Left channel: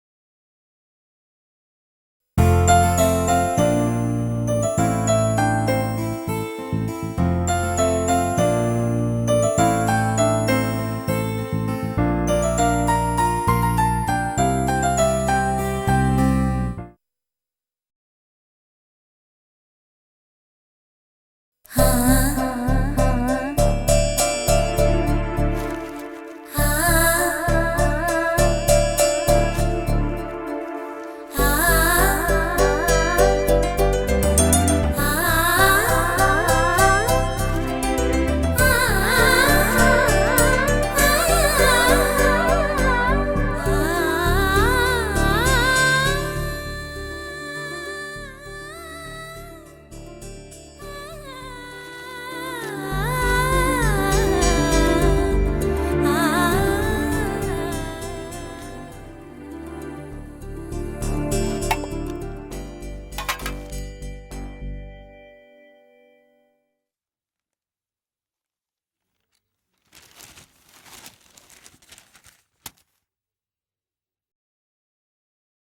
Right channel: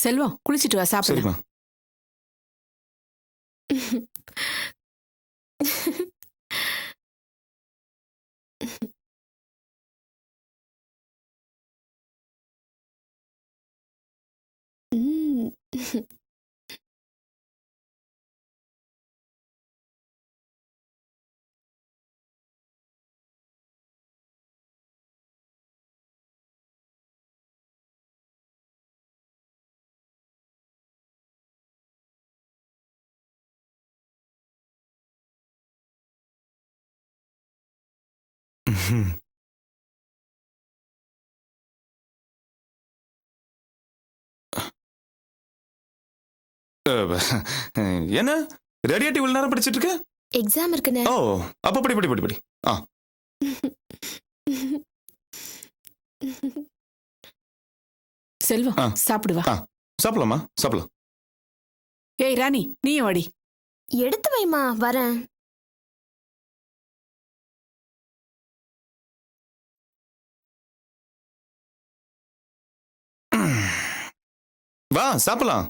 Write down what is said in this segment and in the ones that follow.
செல்வம் குளிச்சிட்டு வா, சாப்பிடு. சரிம்மா. என்ன ரெடியாட்டி இவ்வளவு நேரம் படிச்சிட்டு இருக்க? எக்ஸாம் இருக்குனே. ஓ, அப்ப படி படி படி படி. செல்வம் சாப்பிடு வா. சாப்பிடலாமா? சாப்பிடலாம். ஏய் ராணி, நீயும் வாடி. எடுத்து வைமா, வரேன். வா சாப்பிடலாம்.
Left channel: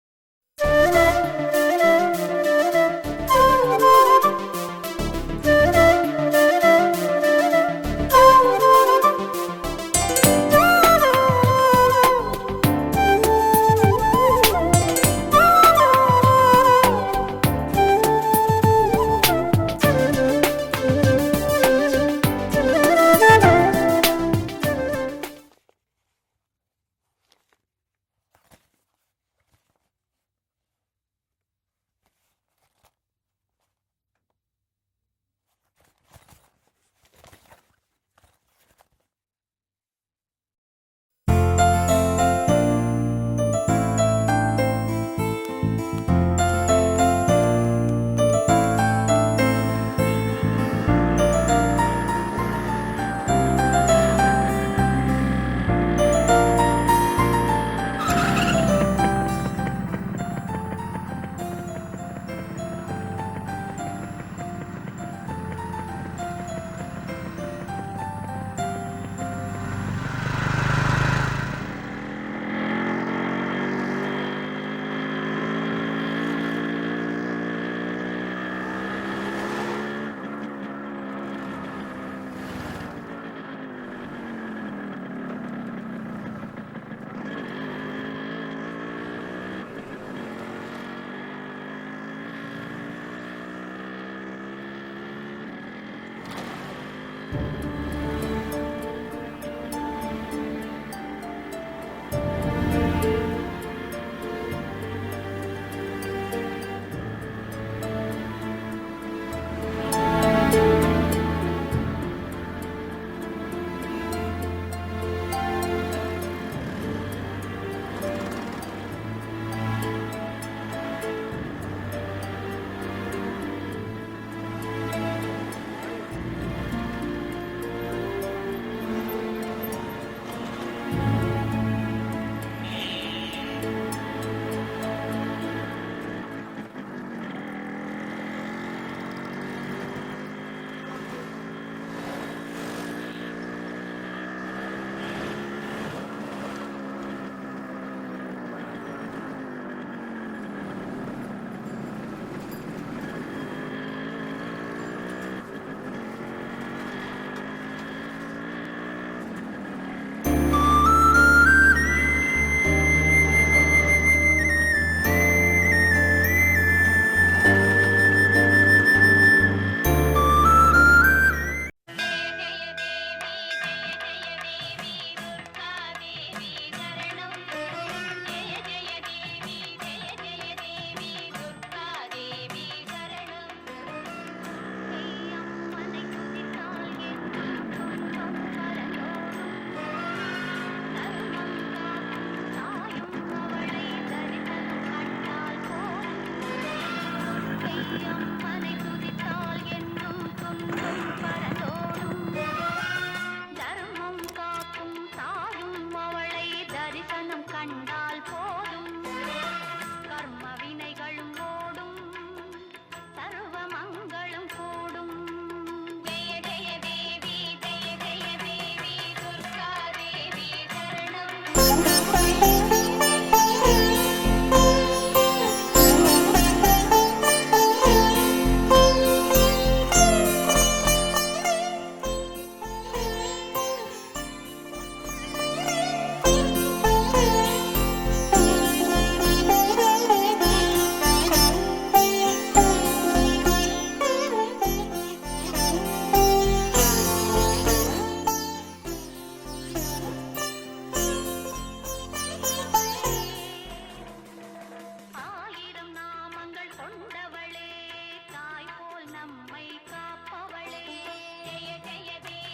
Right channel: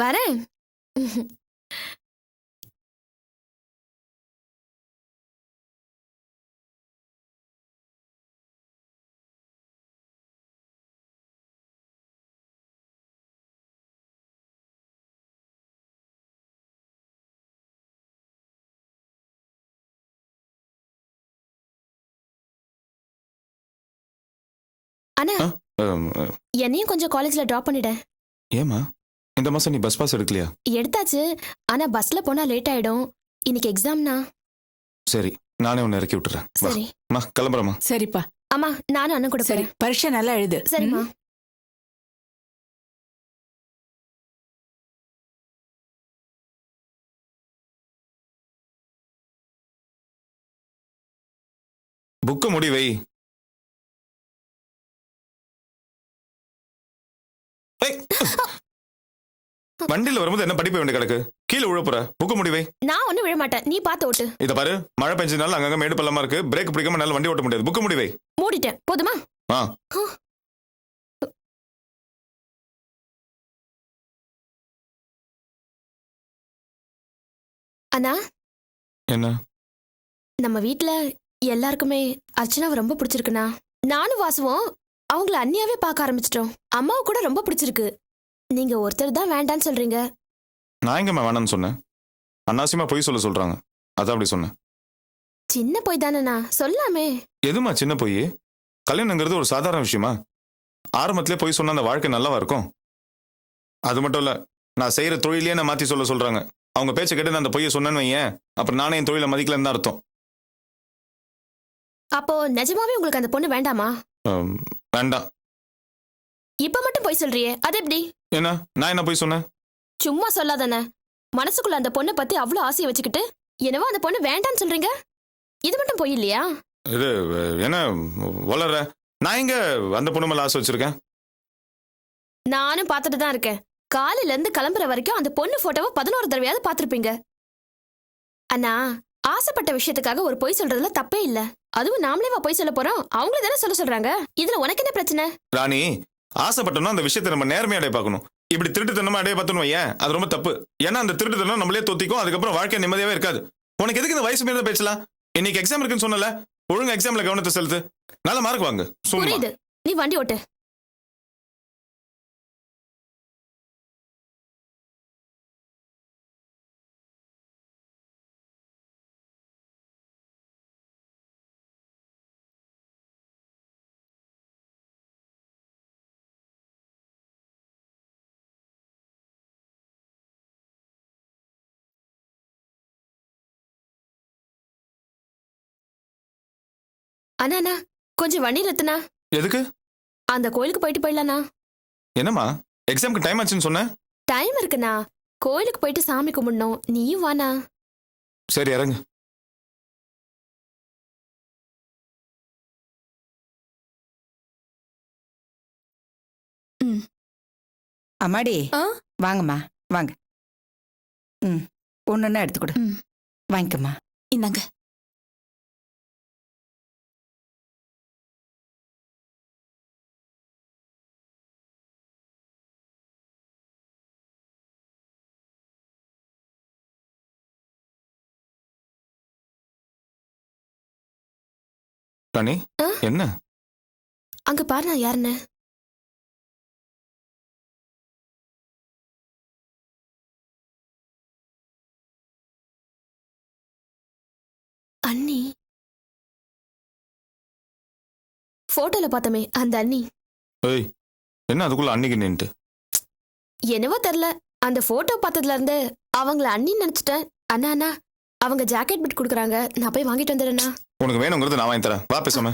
வரேன். என்னையும் கொஞ்சம் காலேஜ்ல டிராப் பண்ணிட. ஏமா இந்த மாசம் நீ பஸ் பாஸ் எடுக்கலையா? எடுத்தாச்சு, ஆனா பஸ்ல போனா லேட் ஆயிடும். இன்னைக்கு எக்ஸாம்னா. சரி, நானே உன்னை இறக்கி விட்டுறேன். சரி மா, கிளம்புறமா? சரிப்பா. அம்மா, நானும் அண்ணன் கூட சரி, பரீட்சை நல்லா எழுது. சரிம்மா. புக்கு முடி வை. வண்டியில வரும்போது என்ன படிப்பு வேண்டிய கிடக்கு? கீழே உழப்புற. புக்கு முடி வை. நான் ஒண்ணும் விழ மாட்டேன், நீ பாத்து ஓட்டு. இத பாரு, மழை பெஞ்சனால அங்கங்க மேடு பள்ளமா இருக்கு. பிரேக் பிடிக்காம நல்ல வண்டி ஓட்ட முடியாது. புக்கு முடி வை. மூடிட்டேன், போதுமா? அண்ணா, என்ன? நம்ம வீட்ல எல்லாருக்குமே அர்ச்சனாவை ரொம்ப பிடிச்சிருக்குண்ணா. நானும் வாசுவோம் அவங்கள அண்ணியாவே பார்க்க ஆரம்பிச்சிட்டோம். அம்மாவை கூட ரொம்ப பிடிச்சிருக்கு. நீங்க ஒருத்தர் தான் வேண்டான்னு சொல்றீங்க. நான் எங்கம்மா வேணாம்னு சொன்னேன்? அன்னாவசியமா பொய் சொல்றாங்க, அதான் அப்படி சொன்னேன். சின்ன பொய் தானேண்ணா, சொல்லாமே. எதுமா சின்ன பொய்? கல்யாணங்கிறது ஒரு சாதாரண விஷயமா? ஆரம்பத்திலே பொய் சொன்னா அந்த வாழ்க்கை நல்லாவா இருக்கும்? அது மட்டும் இல்ல, நான் செய்யற தொழிலே நான் மாத்தி சொல்றாங்க. அவங்க பேச்ச கேட்டு நான் அந்த பொய்யை சொன்னேன்னு வையேன், அப்புறம் நானே என் தொழிலை மதிக்கலன்னு தான் அர்த்தம். அப்போ நிஜமாவே உங்களுக்கு அந்த பொண்ணு வேண்டாமா? வேண்டாம். இப்ப மட்டும் பொய் சொல்றியே, அது எப்படி? என்ன, நான் என்ன பொய் சொன்னேன்? சும்மா சொல்லாதானே. மனசுக்குள்ள அந்த பொண்ணை பத்தி அவ்வளவு ஆசையை வச்சுக்கிட்டு என்னவோ அந்த பொண்ணு வேண்டான்னு சொல்றீங்க. இது மட்டும் பொய் இல்லையா? இது என்ன வளர்ற? நான் எங்க அந்த பொண்ணு மேல ஆசை வச்சிருக்கேன்? நானும் பார்த்துட்டு தான் இருக்கேன். காலையில இருந்து கிளம்புற வரைக்கும் அந்த பொண்ணு போட்டோவை 11 தடவையாவது பார்த்திருப்பீங்க. அண்ணா, ஆசைப்பட்ட விஷயத்துக்காக ஒரு பொய் சொல்றதுல தப்பே இல்ல. அதுவும் நாமளேவா பொய் சொல்ல போறோம்? அவங்களே தானே சொல்றாங்க. இதுல உனக்கு என்ன பிரச்சனை? ராணி, ஆசைப்பட்டோம்னா அந்த விஷயத்தை நம்ம நேர்மையா அடைய பார்க்கணும். இப்படி திருட்டுத்தனமா அடைய பார்த்தோம் ஏன், அது ரொம்ப தப்பு. ஏன்னா அந்த திருட்டுத்தனம் நம்மளே தொத்திக்கும், அதுக்கப்புறம் வாழ்க்கை நிம்மதியாவே இருக்காது. உனக்கு எதுக்கு இந்த வயசு மீறி பேசலாம்? இன்னைக்கு எக்ஸாம் இருக்குன்னு சொன்னல, ஒழுங்கா எக்ஸாம்ல கவனத்தை செலுத்து. நல்ல மார்க் வாங்க. புரியுது, நீ வண்டி ஓட்டு. அண்ணா அண்ணா கொஞ்சம் வண்டி நிறுத்துனா. எதுக்கு? அந்த கோயிலுக்கு போயிட்டு போயிடலாண்ணா. என்னம்மா எக்ஸாம்க்கு டைம் ஆச்சுன்னு சொன்னேன். டைம் இருக்குண்ணா. கோயிலுக்கு போயிட்டு சாமி கும்பிடணும். நீயும் வாண்ணா. சரி இறங்கு. அம்மாடி வாங்கம்மா வாங்க. ம் ஒன்றுன்னா எடுத்து கொடு. வாங்கிக்கம்மா. இந்தாங்க. ராணி என்ன? அங்க பாருண்ணா யாருன்னு. அண்ணி. போட்டோல பார்த்தமே அந்த அண்ணி. ஏய் என்ன அதுக்குள்ள அன்னைக்கு நின்னுட்டு? என்னவோ தெரியல, அந்த போட்டோ பார்த்ததுல இருந்து அவங்கள அண்ணி நினைச்சிட்டேன். அண்ணா அண்ணா அவங்க ஜாக்கெட் பிட் கொடுக்குறாங்க, நான் போய் வாங்கிட்டு வந்துடுறேண்ணா. உனக்கு வேணுங்கிறது நான் வாங்கி தரேன், வா பேசாம.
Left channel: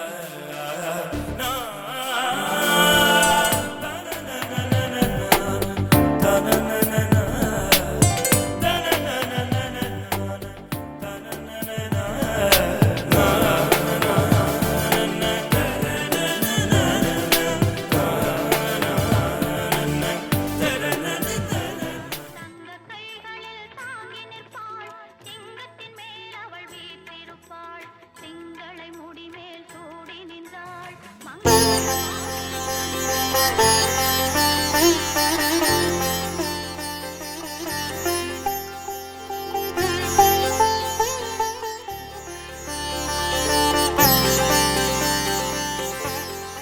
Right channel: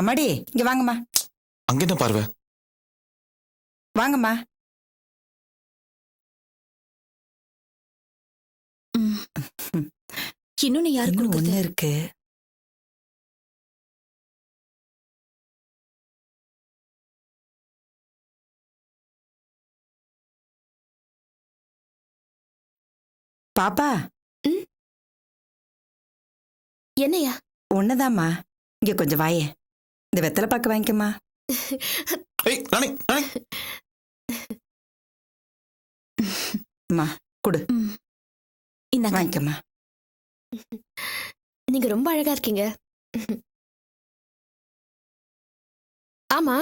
அம்மாடி இங்க வாங்கம்மா. அங்கிட்ட பாருங்க. வாங்கம்மா. இன்னொன்னு யாருக்கும் ஒன்று இருக்கு. பாப்பா என்னையா? ஒண்ணுதாம்மா. இங்க கொஞ்சம் வாயே. இந்த வெத்தலை பாக்கு வாங்கிக்கம்மா. ஏய் ராணி ராணி. அம்மா கொடு. இந்த வாங்கிக்கம்மா. நீங்க ரொம்ப அழகா இருக்கீங்க. ஆமா,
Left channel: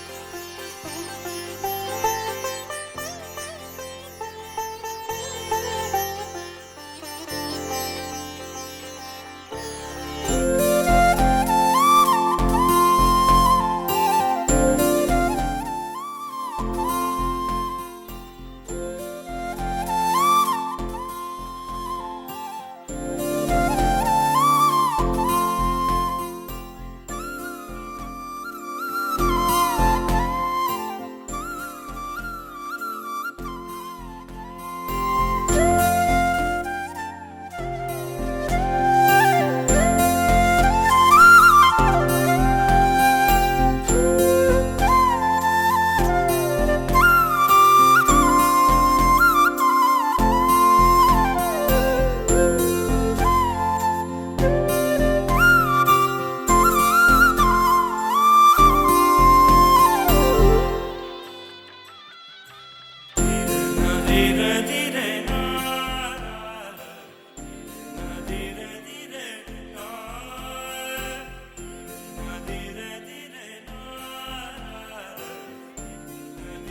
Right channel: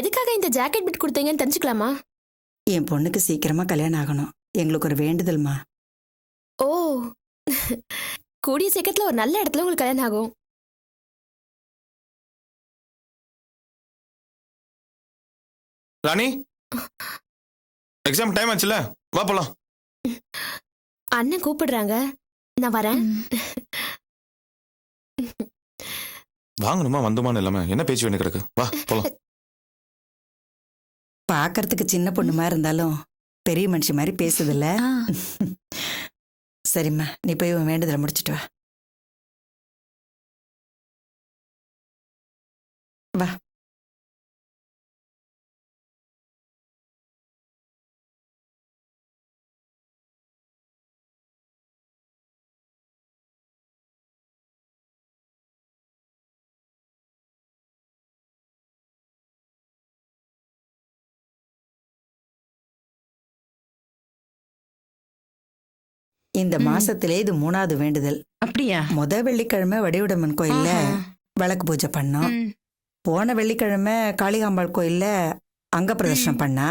எதுக்காக இந்த ஜாக்கெட் பிட் கொடுத்தீங்கன்னு தெரிஞ்சுக்கலாமா? என் பொண்ணுக்கு சீக்கிரமா கல்யாணம் ஆகணும். எங்களுக்கு ஒரு வேண்டுதல்மா. ஓ, கூடிய சீக்கிரத்துல ஒரு நல்ல இடத்துல உங்களுக்கு கல்யாணம் ஆகும். ராணி எக்ஸாம் டைம் ஆச்சுல, வா போலாம். அண்ணன் கூப்பிடுறாங்க, நான் வரேன். வாங்கணுமா வந்தோமான்னு இல்லாம என்ன பேச்சு வேணும் கிடக்கு, வா போலாம். பார்க்கறதுக்கு சின்ன பொண்ணு மாதிரி இருந்தாலும் பெரிய மனுஷி மாதிரி பேசுதில்ல. சரிம்மா, நீ போய் உன் வேண்டுதலை முடிச்சிட்டு வா. வா. இந்த மாசத்திலே இது 3வது வேண்டுதல். அப்படியா? வெள்ளிக்கிழமை வடிவுடம்மன் கோயில்ல விளக்கு பூஜை பண்ணோம். போன வெள்ளிக்கிழமை காளிகாம்பாள் கோயில்ல அங்க பிரதர்ஷனம் பண்ணா.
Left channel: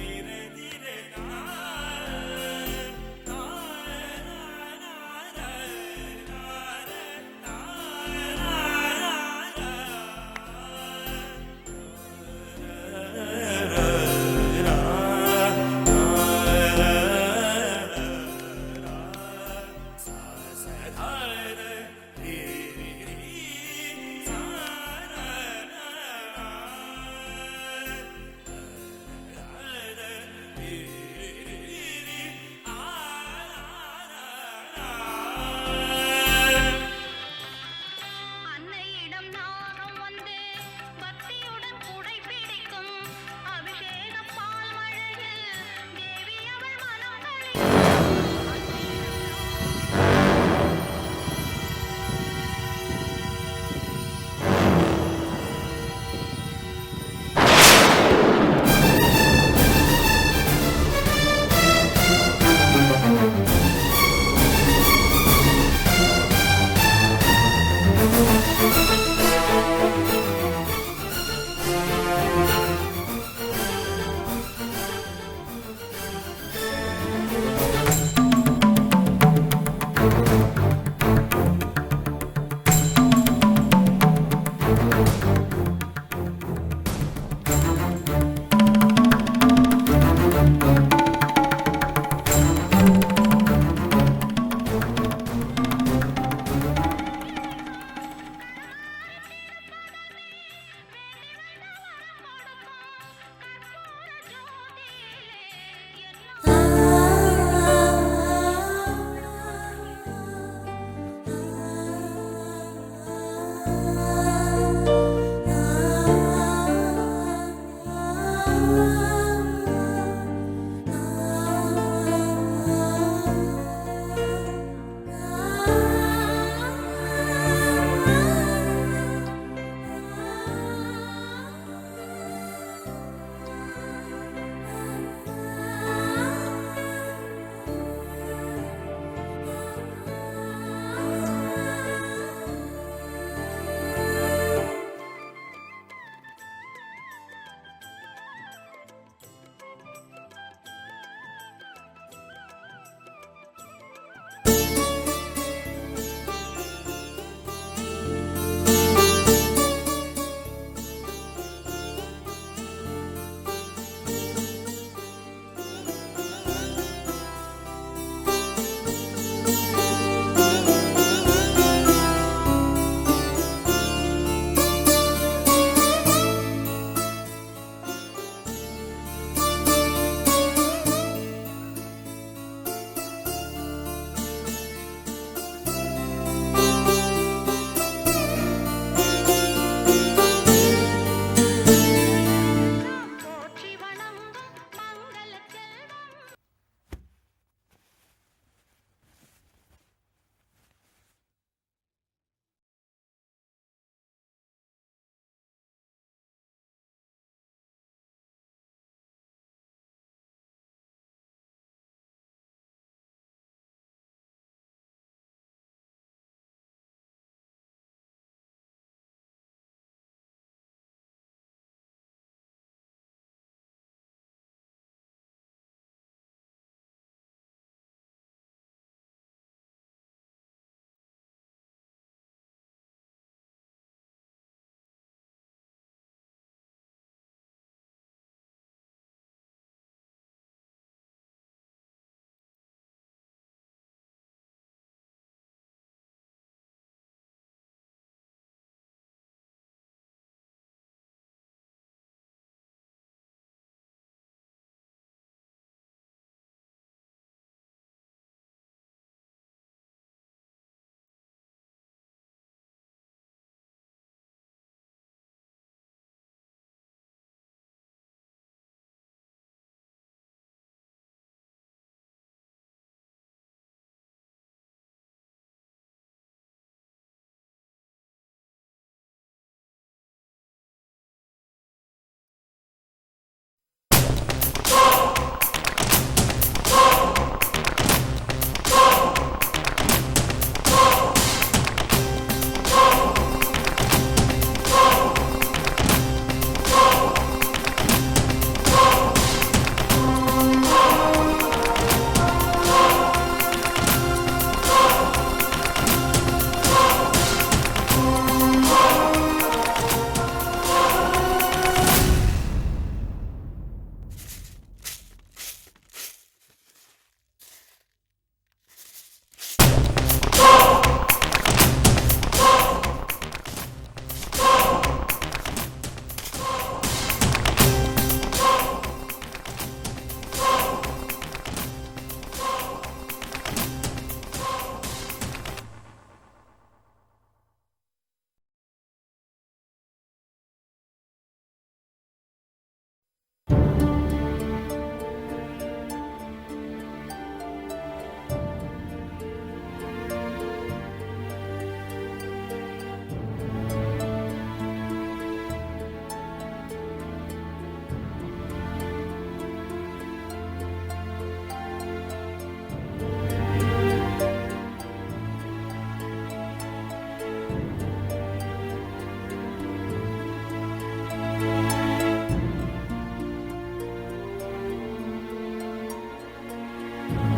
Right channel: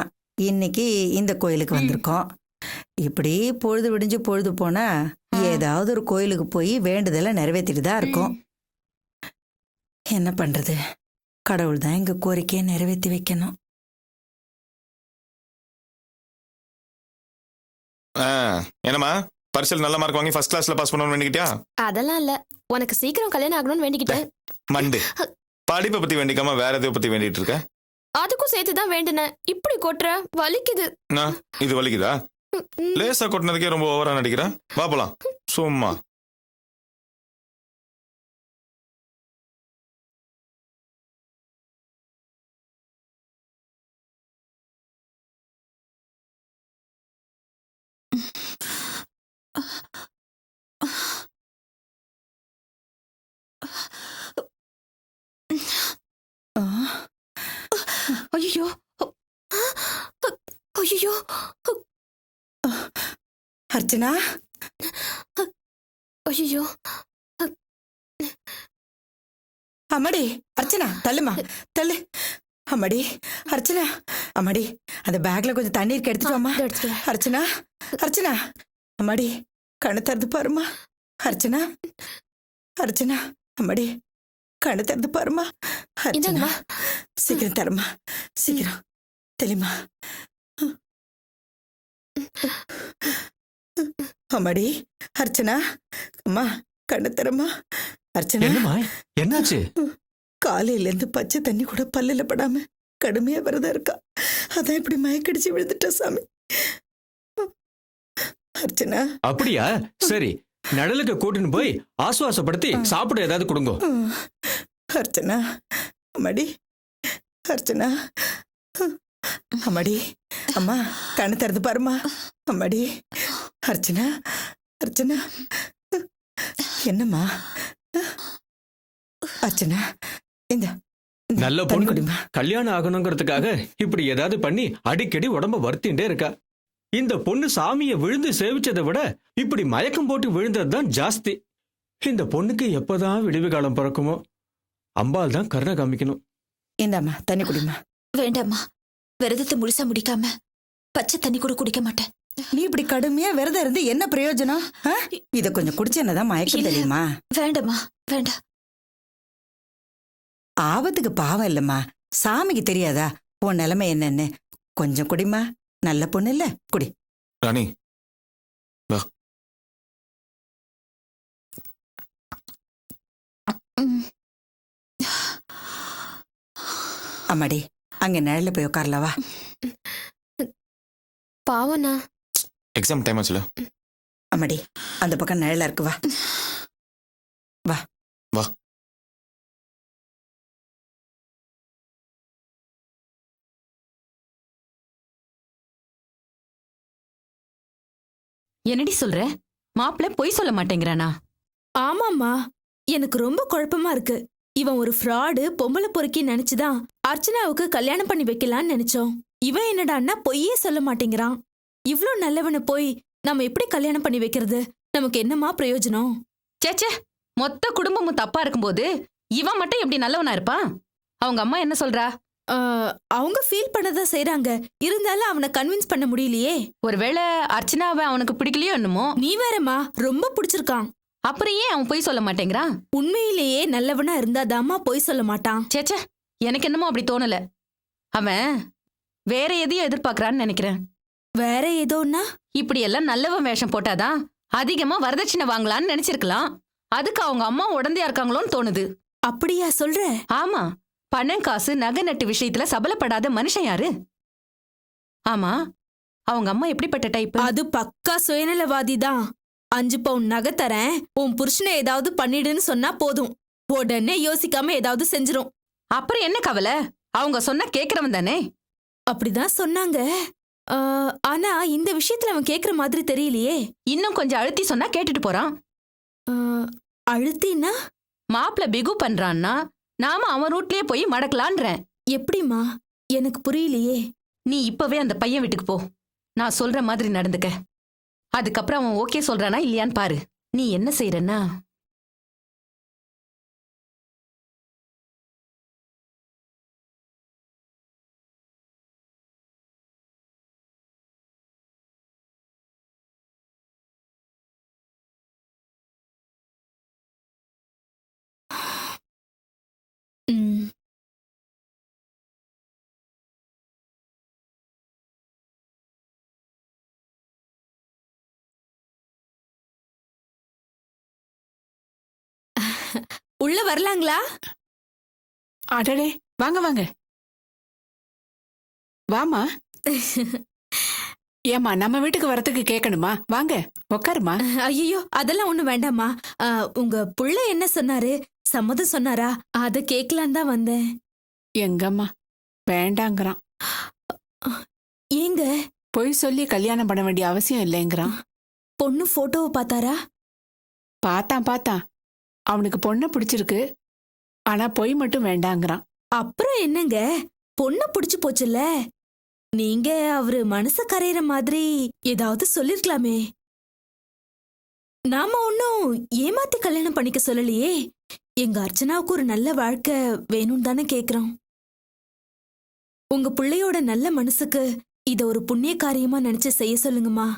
இன்னைக்கு இந்த கோயிலுக்கு வந்திருக்கோம். இப்படி பொழுது விடிஞ்சு பொழுது போனா ஏதாவது ஒரு கோயிலுக்கு போய் வேண்டுதலை நிறைவேற்றிட்டு தான் இருக்கோம். என்ன பண்றது, கடவுள் தான் எங்க கோரிக்கையை நிறைவேற்றி வைக்கணும். என்னம்மா பரிசல் நல்ல மார்க் வாங்கி ஃபர்ஸ்ட் கிளாஸ்ல பாஸ் பண்ணணும்னு வேண்டிக்கிட்டியா? அதெல்லாம் இல்ல, உனக்கு சீக்கிரம் கல்யாணம் ஆகணும்னு வேண்டிக்கிட்டேன். மண்டு படிப்பை பத்தி வேண்டிக்காம வேற எதை பத்தி வேண்டிட்டு இருக்க? அதுக்கும் சேர்த்து தான் வேண்டினேன். இப்படி கொட்டுற, வலிக்குது. இது வலிக்குதா? லேசா கொட்டினதுக்கே ரொம்ப ஓவரா நடிக்கிறேன். வா போலாம் சும்மா. அர்ச்சனா, அம்மாடி அர்ச்சனா தள்ளுமா தள்ளு. அம்மாடி அர்ச்சனா, அம்மாடி அந்த பேக்ல கொஞ்சம் தண்ணீர் எடுத்துட்டோமா? அர்ச்சனா அர்ச்சனா, அம்மாடி கண்ணு தட்டு பாருமா. அர்ச்சனா அர்ச்சனா, அம்மாடி கண்ணு தட்டு பாருமா. இந்தாங்கம்மா. சீக்கிரம் தருமா, சீக்கிரம் தருமா. அர்ச்சனா அம்மா கடத்தரமா அர்ச்சனா என்னம்மா என்னாச்சு? காலையில இருந்து பச்சை தண்ணி கூட பல்லுல படாம கடுமையா விரதம் இருக்கா. அதான் இப்படி மயக்கடிச்சு விழுந்துட்டா சாமி. அர்ச்சனா அப்படியா? சரி, நிழலுக்கு கூட்டின்னு போய் ஆசுவாசப்படுத்தி சாப்பிட ஏதாவது கொடுங்க. அர்ச்சனா அம்மாடி அர்ச்சனா அம்மாடி அம்மா கண்ணு திறந்து பாருமா அம்மாடி அர்ச்சனா அர்ச்சனா என்னம்மா அர்ச்சனா இந்த நல்ல பொண்ணு கல்யாணம் ஆகணுங்கிறதுக்காக இப்படி ஏதாவது பண்ணி அடிக்கடி உடம்ப வருத்திட்டே இருக்கா. இந்த பொண்ணு சாமியை விழுந்து சேவிச்சதை விட இப்படி மயக்கம் போட்டு விழுந்ததுதான் ஜாஸ்தி. இந்த பொண்ணுக்கு எப்பதான் விடிவு காலம் பிறக்குமோ, அம்பாள் தான் கருணை காமிக்கணும். இந்தாம்மா தண்ணி குடிமா. வேண்டாம்மா, விரதத்தை முழுசா முடிக்காம பச்சை தண்ணி கூட குடிக்க மாட்டேன். நீ இப்படி கடுமையா விரதம் இருந்து என்ன பிரயோஜனம்? இத கொஞ்சம் குடிச்சு என்னதான் மயக்கம் தெரியுமா? வேண்டாம்மா, வேண்டாம். ஆபத்துக்கு பாவம் இல்லம்மா, சாமிக்கு தெரியாதா உன் நிலைமை என்னன்னு? கொஞ்சம் குடிமா, நல்ல பொண்ணு இல்ல, குடி. ராணி வா. அம்மாடி அங்க நிழல்ல போய் உட்கார்ல வா. பாவனா எக்ஸாம் டைம் ஆச்சுல. அம்மாடி அந்த பக்கம் நிழலா இருக்கு, வா வா வா. என்னடி சொல்ற? மாப்பிள்ள பொய் சொல்ல மாட்டேங்கிறானா? ஆமாம்மா, எனக்கு ரொம்ப குழப்பமா இருக்கு. இவன் ஒரு ஃப்ராடு பொம்பளை பொறுக்கி நினைச்சுதான் அர்ச்சனாவுக்கு கல்யாணம் பண்ணி வைக்கலான்னு நினைச்சோம். இவன் என்னடான்னா பொய்யே சொல்ல மாட்டேங்கிறான். இவ்ளோ நல்லவனை போய் நம்ம எப்படி கல்யாணம் பண்ணி வைக்கிறது? நமக்கு என்னமா பிரயோஜனம்? சேச்சே, மொத்த குடும்பமும் தப்பா இருக்கும்போது இவன் மட்டும் எப்படி நல்லவனா இருப்பான்? அவங்க அம்மா என்ன சொல்றா? அவங்க ஃபீல் பண்ணதான் செய்றாங்க. இருந்தாலும் அவனை கன்வின்ஸ் பண்ண முடியலையே. ஒருவேளை அர்ச்சனாவை அவனுக்கு பிடிக்கலையோ என்னமோ. நீ வேறம்மா, ரொம்ப பிடிச்சிருக்கான். அப்புறம் ஏன் அவன் பொய் சொல்ல மாட்டேங்கிறான்? உண்மையிலேயே நல்லவனா இருந்தாதாம்மா பொய் சொல்ல மாட்டான். சேச்சே, எனக்கு என்னமோ அப்படி தோணல. அவன் வேற எதையும் எதிர்பார்க்கறான்னு நினைக்கிறேன். வேற ஏதோன்னா? இப்படி எல்லாம் நல்லவன் வேஷம் போட்டாதான் அதிகமா வரதட்சணை வாங்கலான்னு நினைச்சிருக்கலாம். அதுக்கு அவங்க அம்மா உடந்தையா இருக்காங்களோன்னு தோணுது. அப்படியா சொல்ற? ஆமா, பணம் காசு நகை நட்டு விஷயத்துல சபலப்படாத மனுஷன் யாரு? ஆமா, அவங்க அம்மா எப்படிப்பட்ட டைப்? அது பக்கா சுயநலவாதி தான். 5 பவுன் நகை தரேன், உன் புருஷனை ஏதாவது பண்ணிடுன்னு சொன்னா போதும், உடனே யோசிக்காம ஏதாவது செஞ்சிரும். அப்புறம் என்ன கவலை? அவங்க சொன்னா கேக்குறவன் தானே. அப்படிதான் சொன்னாங்க. ஆனா இந்த விஷயத்துல அவன் கேக்குற மாதிரி தெரியலையே. இன்னும் கொஞ்சம் அழுத்தி சொன்னா கேட்டுட்டு போறான். அழுத்தினா? மாப்பிள்ள பிகு பண்றான்னா நாம அவன் ரூட்லயே போய் மடக்கலான்றேன். எப்படிமா? எனக்கு புரியலையே. நீ இப்பவே அந்த பையன் வீட்டுக்கு போ. நான் சொல்ற மாதிரி நடந்துக்க. அதுக்கப்புறம் அவன் ஓகே சொல்றானா இல்லையான்னு பாரு. நீ என்ன செய்யறன்னா, உள்ள வரலாங்களா? அடடே, வாங்க வாங்க வாமா. ஏமா, நம்ம வீட்டுக்கு வரதுக்கு கேட்கணுமா? வாங்க உட்காருமா. ஐயோ, அதெல்லாம் ஒண்ணும் வேண்டாமா. உங்க புள்ள என்ன சொன்னாரு? சம்மதம் சொன்னாரா? அத கேட்கலான் தான் வந்தேன். எங்கம்மா வேண்டாங்கிறான். ஏங்க? பொய் சொல்லி கல்யாணம் பண்ண வேண்டிய அவசியம் இல்லைங்கிறான். பொண்ணு போட்டோவை பார்த்தாரா? பார்த்தான். அவனுக்கு பொண்ணை பிடிச்சிருக்கு, ஆனா பொய் மட்டும் வேண்டாங்கிறான். அப்புறம் என்னங்க, பொண்ணு பிடிச்சு போச்சுல்ல. நீங்க அவரு மனசு கரையிற மாதிரி ஏதாவது சொல்லிருக்கலாமே. நாம ஒன்னும் ஏமாத்தி கல்யாணம் பண்ணிக்க சொல்லலையே. எங்க அர்ச்சனாவுக்கு ஒரு நல்ல வாழ்க்கை வேணும் தானே கேக்குறோம். உங்க பிள்ளையோட நல்ல மனசுக்கு இத ஒரு புண்ணிய காரியமா நினைச்சு செய்ய சொல்லுங்கம்மா.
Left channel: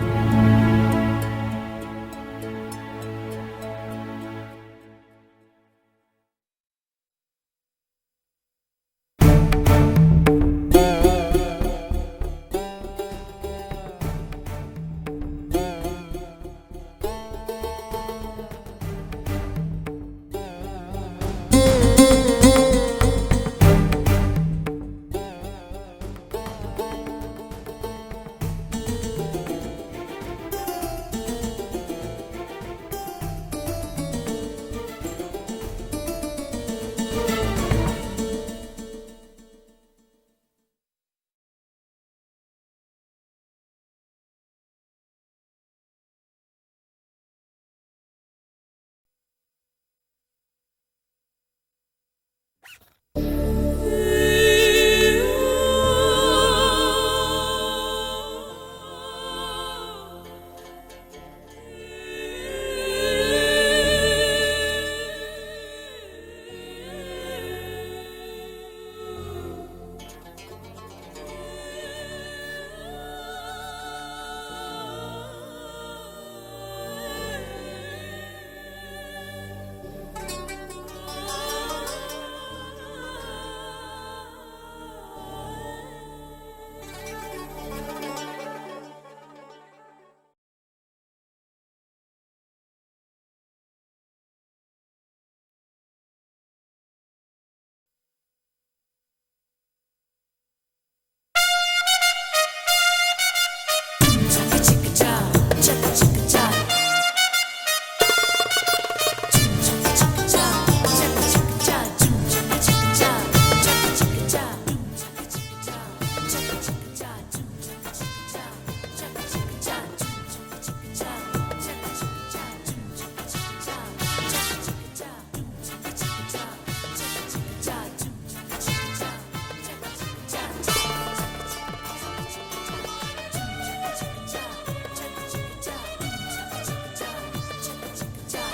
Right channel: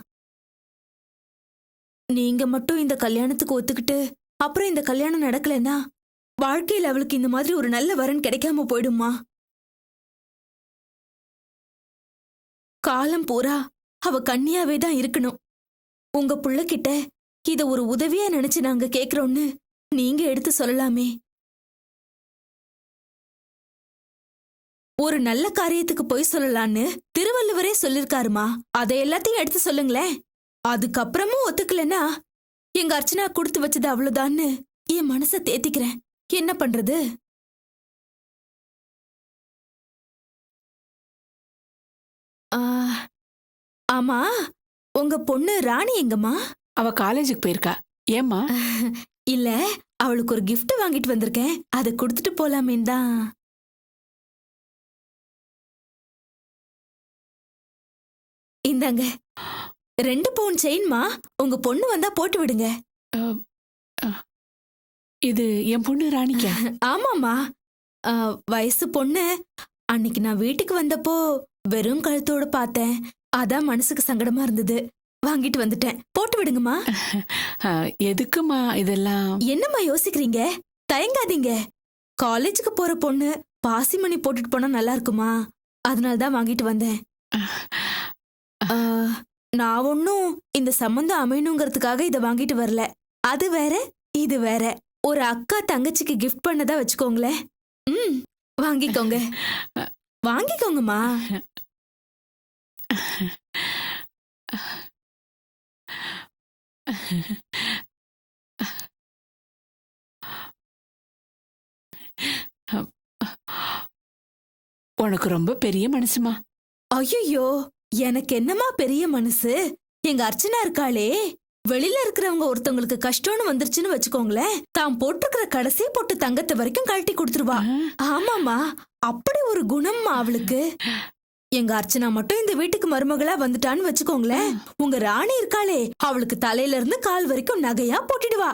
நீங்க மட்டும் இந்த கல்யாணத்துக்கு ஒத்துக்கிட்டு அப்புறம் இந்த கல்யாணம் நடக்கலன்னா வாழ்க்கையில அவளுக்கு இந்த மாதிரி ஒரு நல்ல வரன் கிடைக்காம போயிடுமா. காலம் பூரா அவ கன்னியாவே தான் இருக்கணும். உங்க புள்ள கிட்ட இத ஒரு உதவியா நினைச்சு நாங்க கேக்குறோம்னு நீங்க எடுத்து சொல்லலாமே. ஒரு நல்ல காரியத்துக்கு போய் சொல்லலான்னு திருவள்ளுவரே சொல்லிருக்காருமா. அதை எல்லாத்தையும் எடுத்து சொல்லுங்களேன். அதுக்கப்புறமும் ஒத்துக்கலன்னா எங்க அர்ச்சனா கொடுத்து வச்சது அவ்வளவுதான்னு என் மனசை தேத்திக்கிறேன். என்ன பண்றது? ஆ, ஆமா, உங்க பொண்ணு ராணி எங்கம்மா? அவ காலேஜுக்கு போயிருக்கா. ஏம்மா? இல்ல, அவளுக்கு ஒரு gift வாங்கிட்டு வந்திருக்கேன். அதை கொடுத்துட்டு போலாமே தான். இந்தாங்க 2 பவுன் செயின்மா. உங்க பொண்ணு வந்தா போட்டு விடுங்க. இது என் பொண்ணு ராணிக்கா? ஆமாமா, வயசு பொண்ணு. அன்னைக்கு நான் வீட்டுக்கு வந்தப்போ வெறும் கழுத்தோட பார்த்தேன். அதான் மனசுக்கு சங்கடமா இருந்தது. வாங்கிட்டு வந்துட்டேன். போட்டு விடுங்கம்மா. எதுக்குமா இதெல்லாம்? என்னம்மா யோசிக்கிறீங்க? தயங்காதீங்க. காலேஜுக்கு போற பொண்ணு பாசிமணி போட்டுட்டு போனா நல்லா இருக்குமா? அதனால தான் வாங்கிட்டு வந்தேன். நான் ஒன்னும் இந்த சம்பந்தம் அமையணுங்கிறதுக்காக இதை வாங்கிட்டு வரல. அது வேற, இது வேற. ஒரு அக்கா தங்கச்சிக்கு கிஃப்ட் பண்ணதா வச்சுக்கோங்களேன். வாங்கிக்கோங்க, வாங்கிக்கோங்கம்மா. உனக்கு ரொம்ப பெரிய மனசுமா. ஐயோ, எனக்கு என்னமா பெரிய மனசு? எங்க அர்ச்சனா இருக்காளே, வெளியில இருக்கிறவங்க ஒருத்தவங்களுக்கு கஷ்டம்னு வந்துருச்சுன்னு வச்சுக்கோங்களேன், தான் போட்டிருக்கிற கடைசி போட்டு தங்கத்தை வரைக்கும் கழட்டி கொடுத்துருவா. ஆமாமா, அப்படி ஒரு குணம்மா அவளுக்கு. எங்க அர்ச்சனா மட்டும் இந்த வீட்டுக்கு மருமகளா வந்துட்டான்னு வச்சுக்கோங்களேன், உங்க ராணி இருக்காளே, அவளுக்கு தலையில இருந்து கால் வரைக்கும் நகையா போட்டுடுவா.